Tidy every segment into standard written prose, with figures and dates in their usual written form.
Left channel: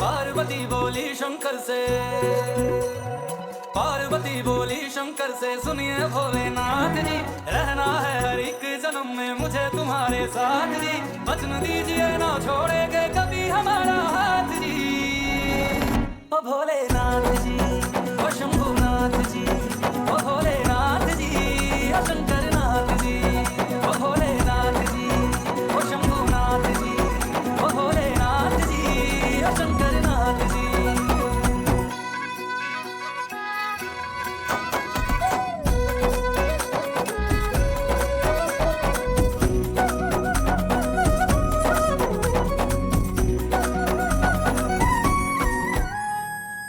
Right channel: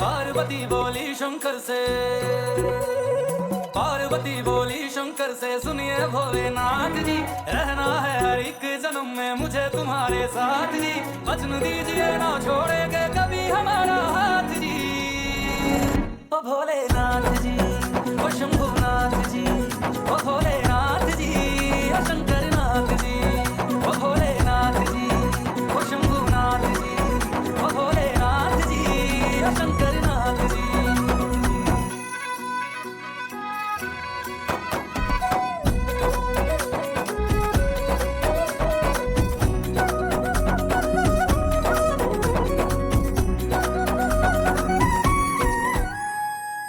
पार्वती बोली शंकर से, पार्वती बोली शंकर से, सुनिए भोलेनाथ जी, रहना है हर एक जन्म में मुझे तुम्हारे साथ जी। वचन दीजिए ना छोड़ेंगे कभी हमारा हाथ जी। ओ भोलेनाथ जी, ओ शंभुनाथ जी, ओ भोलेनाथ जी, ओ शंकरनाथ जी, ओ भोलेनाथ जी, ओ शंभुनाथ जी, ओ भोलेनाथ जी, ओ शंकरनाथ जी।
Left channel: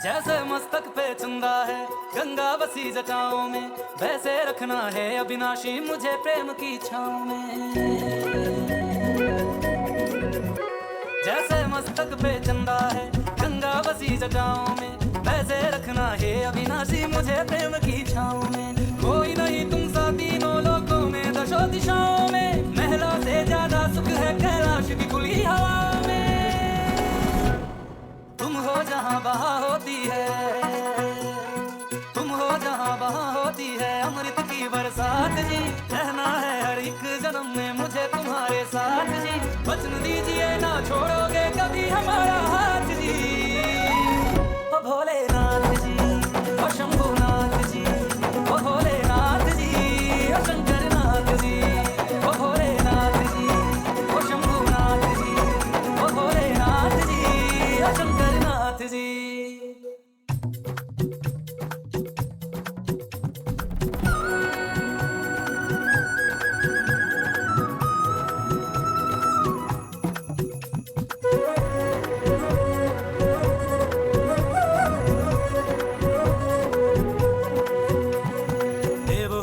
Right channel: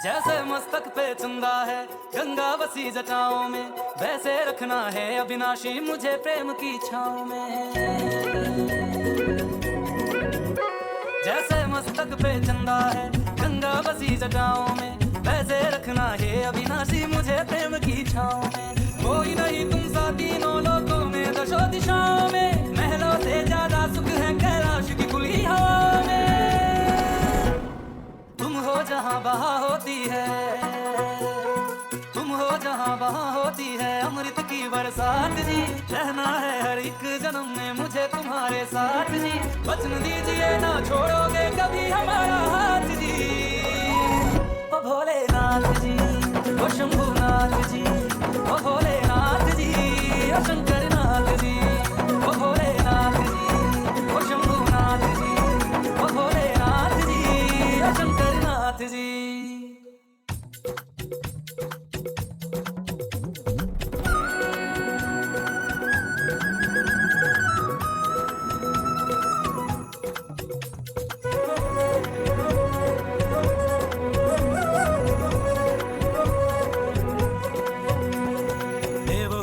जैसे मस्तक पे चंदा है गंगा बसी जटाओं में, वैसे रखना है अविनाशी मुझे प्रेम की छाँव में। जैसे मस्तक पे चंदा है गंगा बसी जटाओं में, वैसे रखना है अविनाशी मुझे प्रेम की छाँव में। कोई नहीं तुम सा तीनों लोकों में, दशों दिशाओं में, महलों से ज्यादा सुख है कैलाश की खुली हवा में। तुम हो जहाँ वहाँ होती है, तुम हो जहाँ वहाँ होती है अमृत की बरसात जी। रहना है हर एक जन्म में मुझे तुम्हारे साथ जी। वचन दीजिए ना छोड़ोगे कभी हमारा हाथ जी। ओ भोलेनाथ जी, ओ शंभुनाथ जी, ओ भोलेनाथ जी, ओ शंकरनाथ जी, ओ भोलेनाथ जी, ओ शंभुनाथ जी, ओ भोलेनाथ जी, ओ शंकरनाथ जी।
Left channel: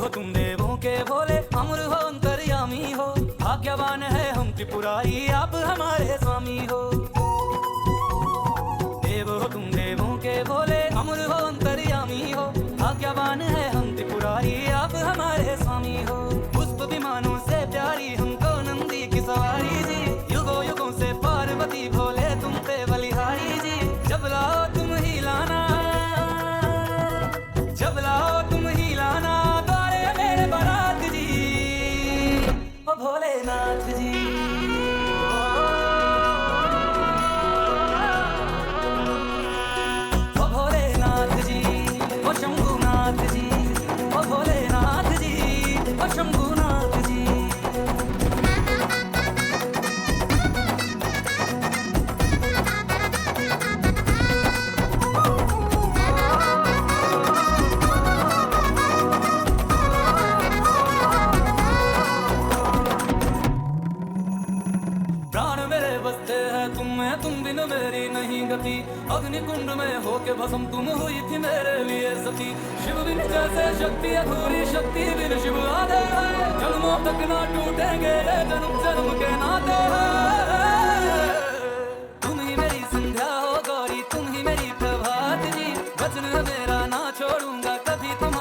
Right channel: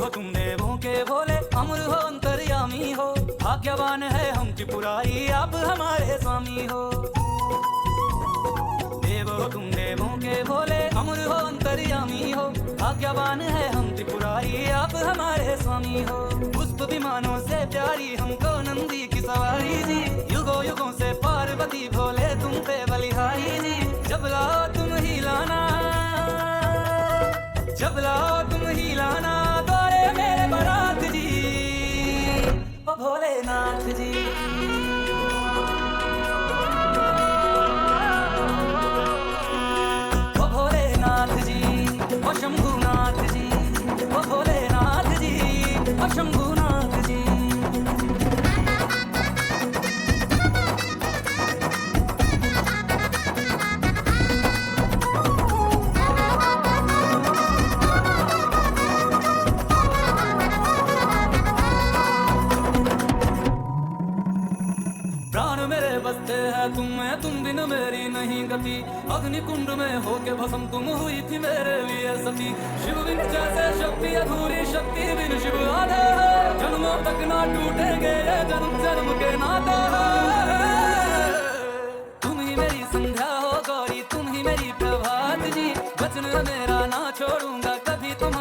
तुम देवों के भोले अमर हो अंतर्यामी हो, भाग्यवान है हम त्रिपुरारी आप हमारे स्वामी हो। देव हो तुम देवों के भोले अमर हो अंतर्यामी हो, भाग्यवान है हम त्रिपुरारी आप हमारे स्वामी हो। पुष्प विमानों से प्यारी हमको नंदी की सवारी जी, युगों युगों से पार्वती भोले तुम पे बलिहारी जी। जब लाओ तुम ही लाना, जब लाओ तुम ही लाना द्वारे मेरे बारात जी। ओ भोलेनाथ जी, ओ भोलेनाथ जी, ओ शंभुनाथ जी, ओ भोलेनाथ जी, ओ शंभुनाथ जी। प्राण मेरे बसते हैं तुम में, तुम बिन मेरी नहीं गति। अग्नि कुंड में होके भस्म तुम हुई थी मेरे लिए सती। शिव बिन जैसे शक्ति अधूरी, शक्ति बिन शिव आधे है। जन्मों तक ना टूटेंगे ये जन्म जन्म के नाते हैं। तुम ही मेरी संध्या हो गौरी, तुम ही मेरी प्रभात जी। वचन मेरा ना छोड़ूंगा कभी तुम